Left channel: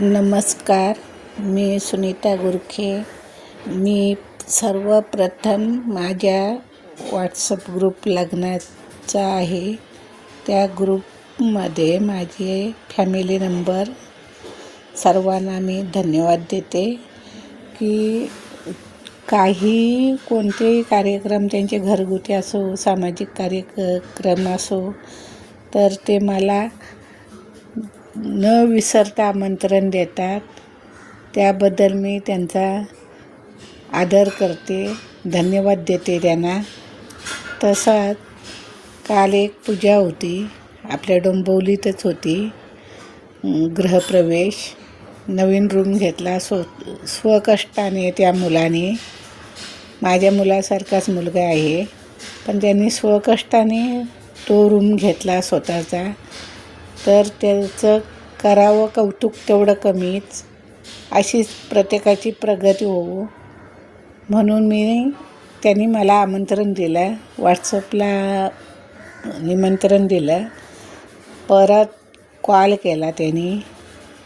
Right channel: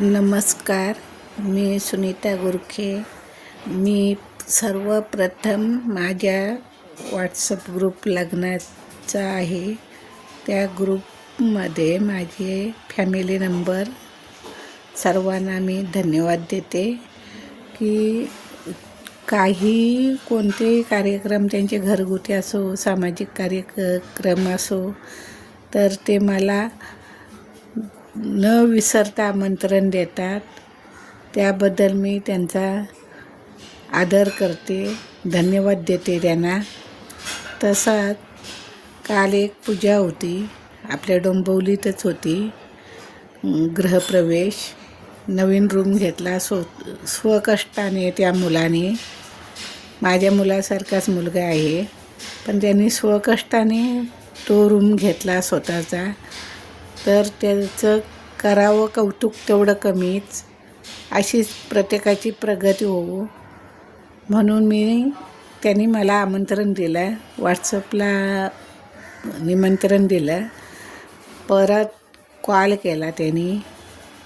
नमस्कार. मी सुनीता गुरखे. मी सर्वप्रथम माझ्या व्हॉट्सअप ग्रुप लग्नाचा आहे. त्या ग्रुपमध्ये माझे फॅमिली नंबर सर्वांना मी धन्यवाद देते की कोणतेही कार्यक्रम त्यांचे घरगुती असो, सामाजिक कार्यक्रम असो, तर ते मला न विसरता आमंत्रण देतात. त्याबद्दल मी त्यांचा आदर करते, धन्यवाद देते त्यांना. तसाच काल एक पूजा होती, आपल्या डोंबिवलीतच होती. गृहप्रवेश, नवीन रूम घेतला स्वकष्टाने त्या मुलाने. माझ्या मुलासारखाच मुलगा आहे, पण त्यांनी स्वकष्टाने तो रूम घेतला स्वतःचा. तर त्याचं करावं कौतुक तेवढं कमीच. अशीच प्रत्येकाची प्रगती होवो म्हणून त्यांनी मला आमंत्रण दिलं, व्हॉट्सअपला निमंत्रण दिलं. परत कॉल केला त्यांनी.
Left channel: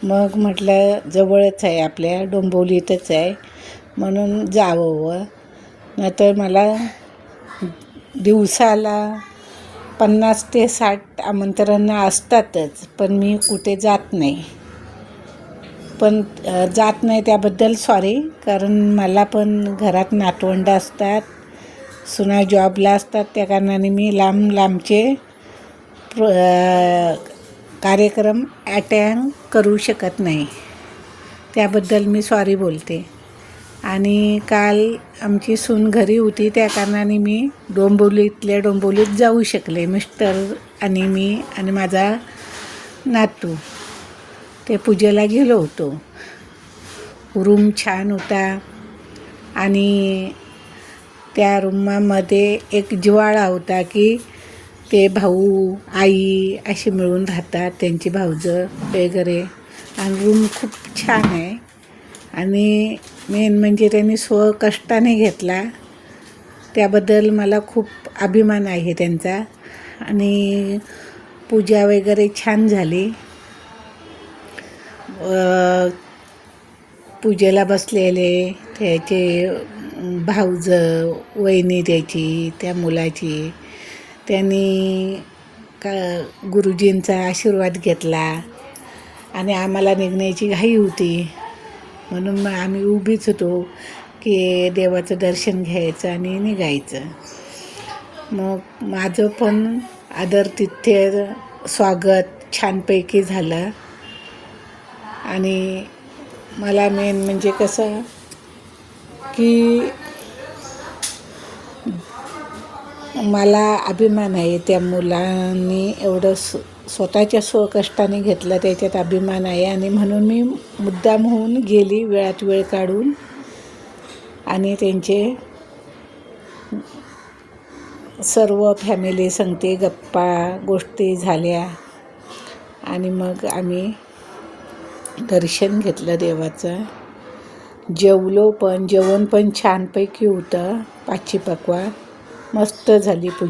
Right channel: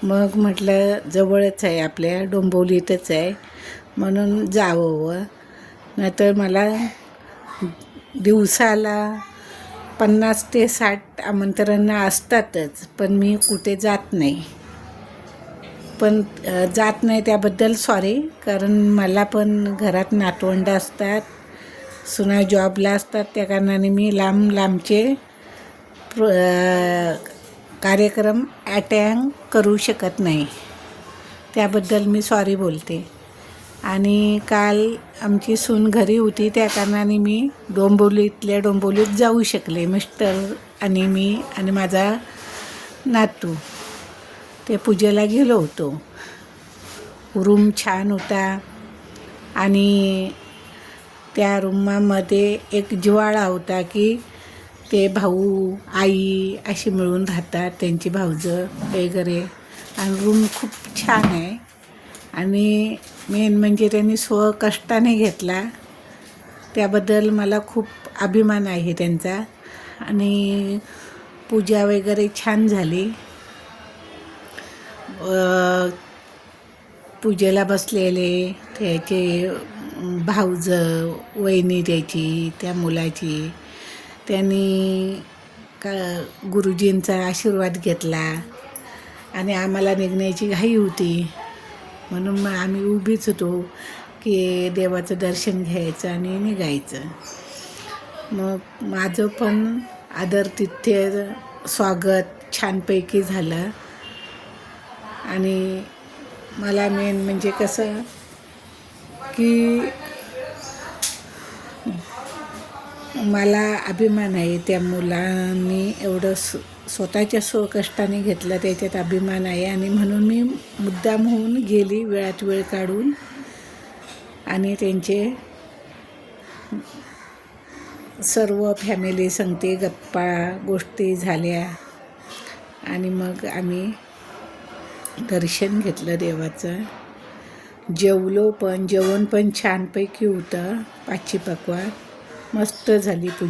मग म्हटलं जवळच आहे, आपल्या डोंबिवलीतच आहे, म्हणून जावं. नाहीतर मला दिवसाला 50 ते 60 आमंत्रणं असतातच, पण मी कुठे जात नाही. त्याबद्दल सॉरी, कारण मला पण घरात नातवंडं असतात, सुना जॉबला असतात. त्या कारणाने मी लांबचे कार्यक्रम अटेंड करू शकत नाही. त्याबद्दल मी सॉरी बोलते. आणि काल आमची सून घरी होती, त्या कारणाने मी डोंबिवलीत जाऊ शकले. मिस्टर आणि मी आणि माझा नातू ते पूजेला गेलो होतो. रूम छान होता आणि त्या रूमामध्ये एक जिव्हाळा होता की ते भाऊ आई असे मिळून राहतात, त्यांची भावजं वगैरे. आणि रूम खूप छान आहे. आणि मेन म्हणजे त्यांनी स्वकष्टाने घेतला, त्याबद्दल मला खूप अभिमान आहे त्यांचा. आणि पूजा वगैरे छान झाली. पूजेला बसलेले त्याचे भावजं, वहिनी त्याची, त्या मुलाची, त्यांनी गुरुजींचा आशीर्वाद घेतला. आणि आम्हाला निघण्याची घाई होती, म्हणून मग आम्ही उभीच होतो की देवाचं दर्शन घ्यायचं आणि निघायचं. मग माझं पण आदरातिथ्य स्वागत छानपैकी झालं. आणि मला मेन म्हणजे कसं की मला अभिमान आहे, त्या मुलांनी एवढं स्वतःच्या स्वकष्टाने घेतलं, त्याच्यात अभिमान आहे. आणि म्हणून मी मुद्दाम होऊन गेली, वेळात वेळ काढून. आणि त्यांचे सर्व फॅमिली संगती गप्पा गोष्टी झाल्या. आणि मग आम्ही दर्शन घेतलं देवाचं. जेवण पण छानपैकी होतं. पाची पक्वान मस्त झाली पूजा.